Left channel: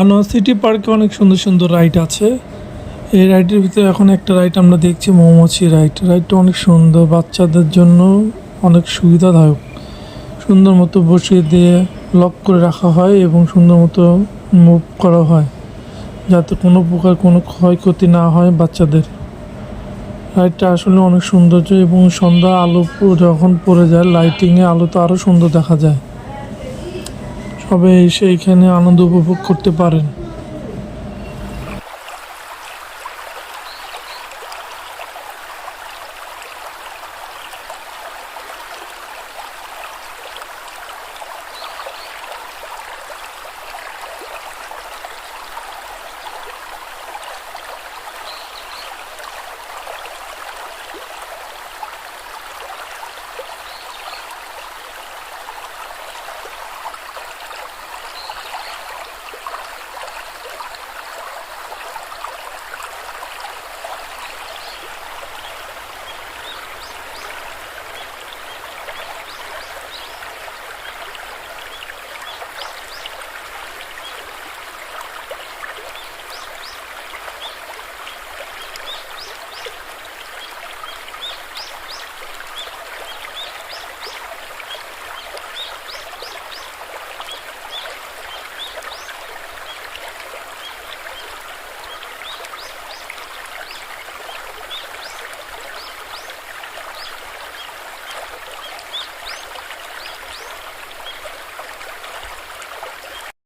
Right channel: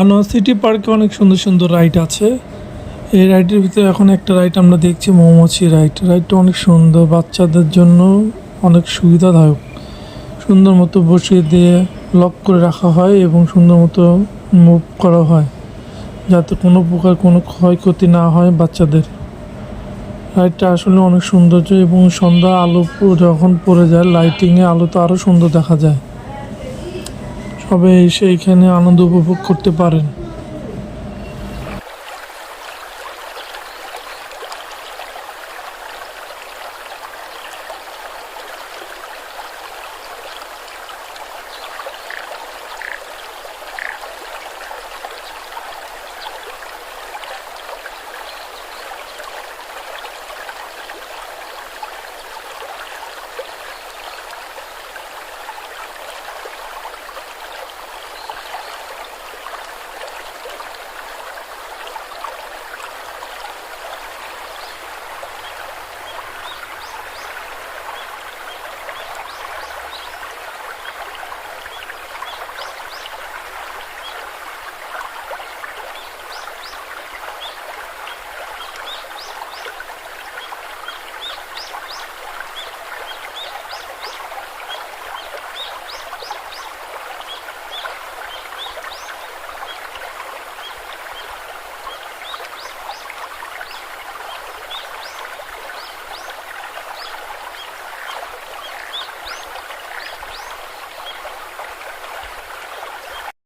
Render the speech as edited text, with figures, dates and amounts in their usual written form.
Anwar city পার্কে অনেক সুন্দর সুন্দর রাইড আছে। এই রাইডের ভিতরে এখন একটা রাইড আমরা দেখছি, মৌমাছি রাইড। রাইডটা অনেক সুন্দর, বাচ্চাদের জন্য অনেক সুবিধাদায়ক। সুন্দর মতো বসিয়ে দিয়ে লক করে রাখা হয় এবং সুন্দর মতো মুভ করা হয়, যাতে কোনো প্রকার কোনো ক্ষয়ক্ষতি না হয় বাচ্চাদের। রাইডটা আসলে অনেক সৌন্দর্য এবং সন্ধ্যা আলো যখন পড়ে যায়, লাইটিংয়ে আলো তো আরও সুন্দর দেখা যায়। সবাই এসে এখানে আনন্দ উপভোগ করতে পারেন।